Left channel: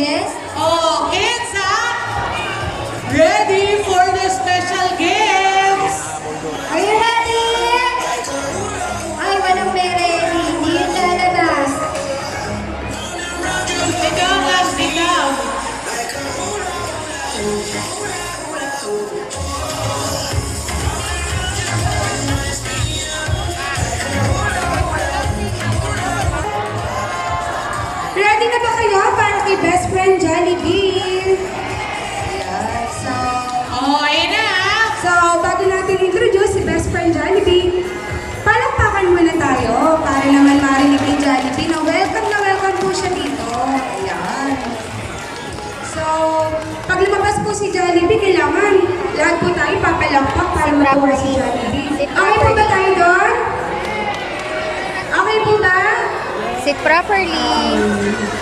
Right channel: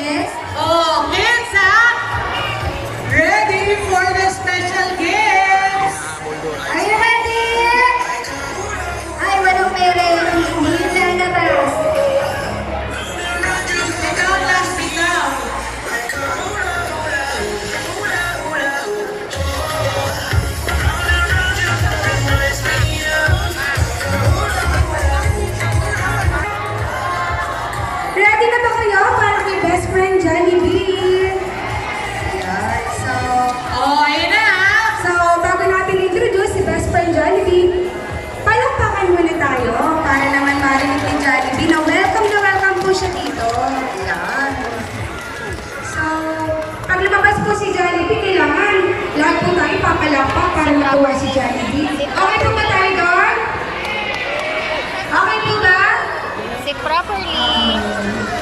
guest? Oh, kids, ha? Ready for the special gifts? Are you ready? Ay, walang may ready. Hindi yung lalabas. Ikaw, last ikaw. Ready na ba kayo para kay best friend Jollibee? Ayan, so... Oh, ayun na, ha? So, bago natin introduce si best friend Jollibee, palakpakan muna tayo para naman marinig ni Jollibee na welcome po siya dito. Ayan. So, pag lumabas po si Jollibee, kailangan lahat po tayo papalakpak para matuwa si Jollibee. Okay po ba tayo doon? Okay po ba? Sit properly.